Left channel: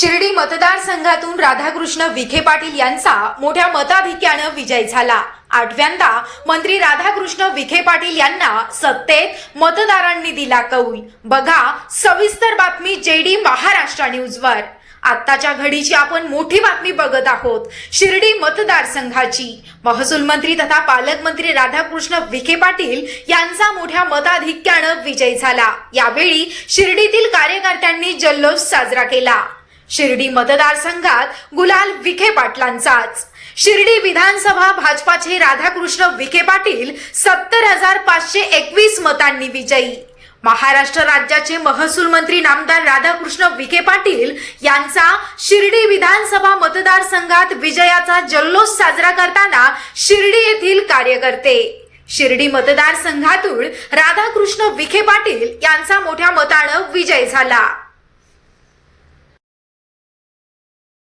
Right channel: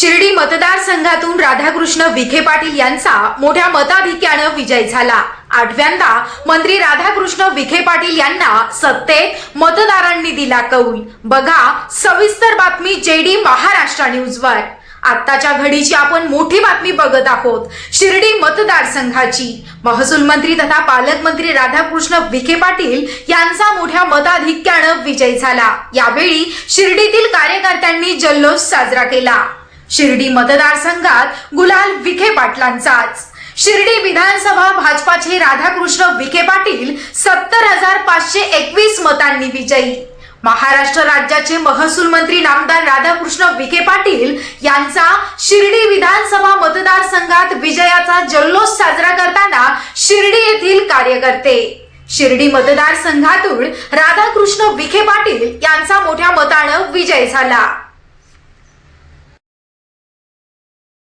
शिर्डी मतदारसंघातून राधाकृष्ण विखे पाटील यांचा मोठ्या मताधिक्यानं विजय झाला. आठव्यांदा मंत्री राधाकृष्ण विखे पाटील यांना सत्तेत मतदारांनी दिला कौल. बघा सविस्तर बातमी जेडी महाराष्ट्र न्यूजवर. आत्ताच्या घडीची आपण मोठी बातमी बघत आहोत. शिर्डी मतदारसंघाची. महसूल मंत्री तथा पालकमंत्री राधाकृष्ण विखे पाटील यांचा मोठ्या मताधिक्यानं विजय झाला. यावेळी शिर्डीतील कार्यकर्त्यांनी जल्लोष साजरा केला. शिर्डी मतदारसंघात गुलाल विखे पाटलांचाच. शिर्डी विधानसभा भाजपाचे राधाकृष्ण विखे पाटील सत्तर हजार पाचशे एकवीस मतांनी विजयी. महाराष्ट्र राज्याचे महसूल मंत्री नामदार राधाकृष्ण विखे पाटील यांचा शिर्डी विधानसभा मतदारसंघात विजयाचा जल्लोष साजरा करताना शिर्डी येथील कार्यकर्ते. शिर्डी मतदारसंघातून राधाकृष्ण विखे पाटील यांचा मोठ्या मतानं विजय झाला.